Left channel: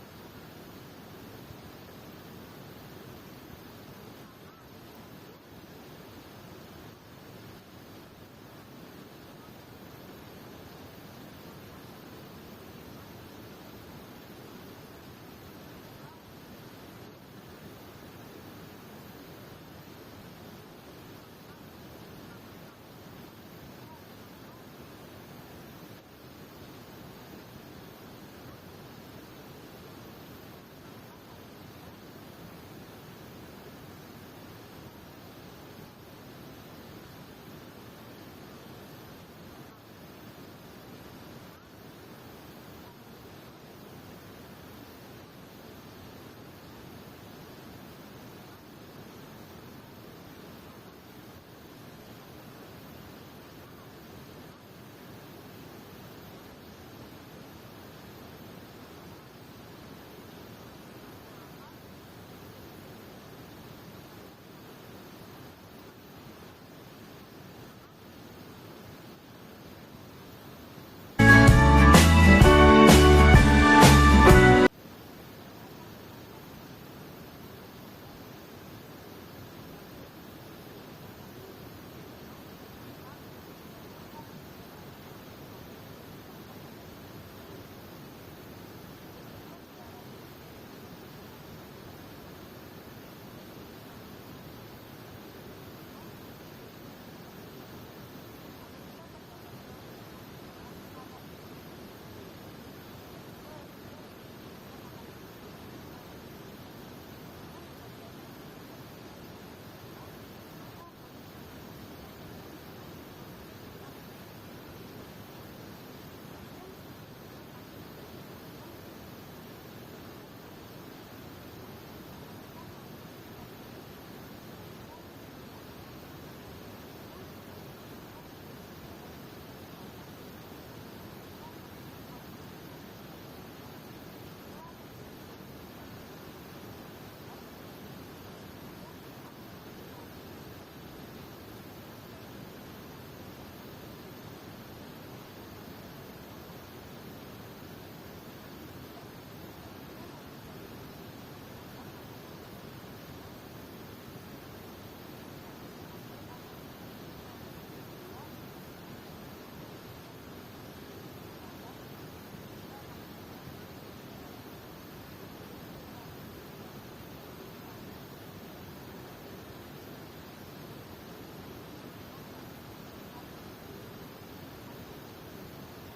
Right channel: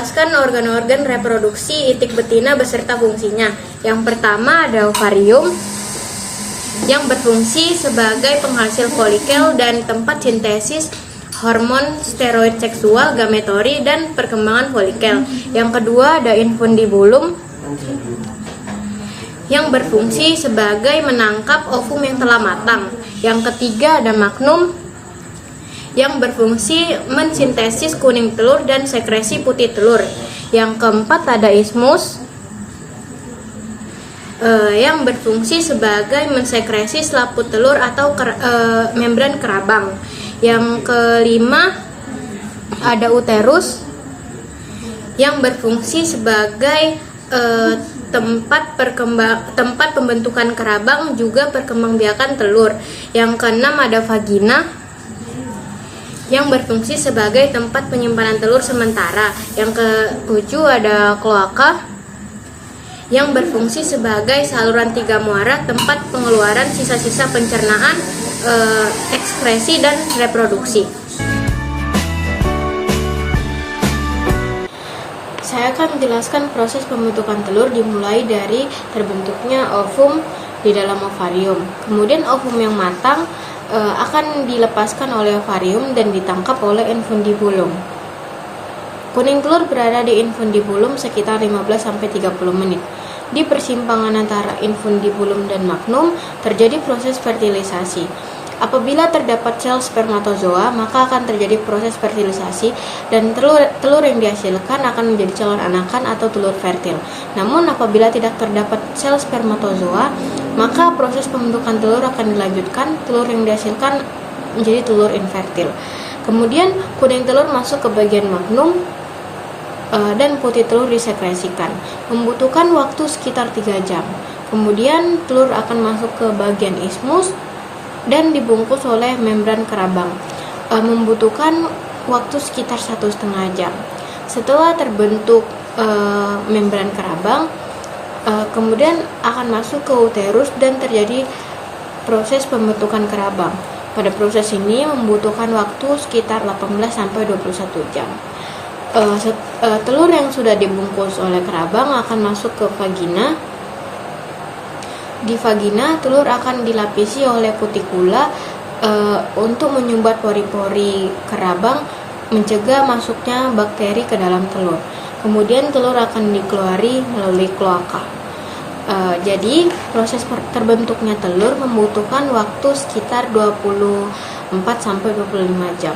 menjelaskan organ-organ reproduksi itik betina beserta fungsinya. Yang pertama ada ovarium yang berfungsi sebagai penghasil folikel dan tempat sintesis hormon steroid seksual, gametori, dan perkembangan folikel. Yang kedua ada infundibulum yang berfungsi sebagai menangkap ovum yang telah matang. Yang ketiga ada magnum yang berfungsi mensintesis kuning telur dan sekresi putih telur. Yang keempat ada isthmus yang berfungsi sebagai mensekresi selaput telur atau membran kerabang. Yang kelima ada uterus yang berfungsi sebagai tempat pembentukan kerabang, juga perkembangbiakan telur. Yang keenam ada vagina yang berfungsi sebagai tempat penyimpanan telur sementara. Yang ketujuh ada kloaka yang berfungsi sebagai saluran tiga muara, tempat pengeluaran sisa-sisa pencernaan, ekskresi, dan reproduksi. Saya akan menjelaskan proses pembentukan telur dimulai dari terbentuknya ovum di dalam ovarium. Kemudian ovum yang matang akan dilepaskan oleh ovarium dan ditangkap oleh infundibulum. Kuning telur berada di infundibulum sekitar 15-30 menit. Di persimpangan antara infundibulum dan magnum terjadi proses fertilisasi. Apabila terdapat sel spermatozoa, maka akan terjadi proses fertilisasi dan telur yang dihasilkan akan menjadi calon anakan atau telur fertil. Namun apabila tidak terdapat sel spermatozoa, maka proses pembentukan telur akan dilanjutkan. Telur yang dihasilkan menjadi telur infertil. Kemudian kuning telur masuk ke bagian magnum dan putih telur disekresikan. Membutuhkan waktu sekitar 3 jam. Kemudian telur akan masuk ke bagian isthmus dan dibungkus oleh membran kerabang. Membutuhkan waktu sekitar 1,5 jam. Setelah terbentuk membran kerabang, kemudian akan masuk ke uterus dan terjadi proses pembentukan kerabang. Pada proses ini membutuhkan waktu sekitar 18-21 jam. Telur yang sudah dibungkus oleh kerabang akan masuk ke vagina. Di vagina, telur akan dilapisi oleh kutikula untuk menyumbat pori-pori kerabang, mencegah masuknya bakteri ke dalam telur. Kemudian telur akan dikeluari melalui kloaka. Jadi proses terbentuknya telur membutuhkan waktu sekitar 24-25 jam.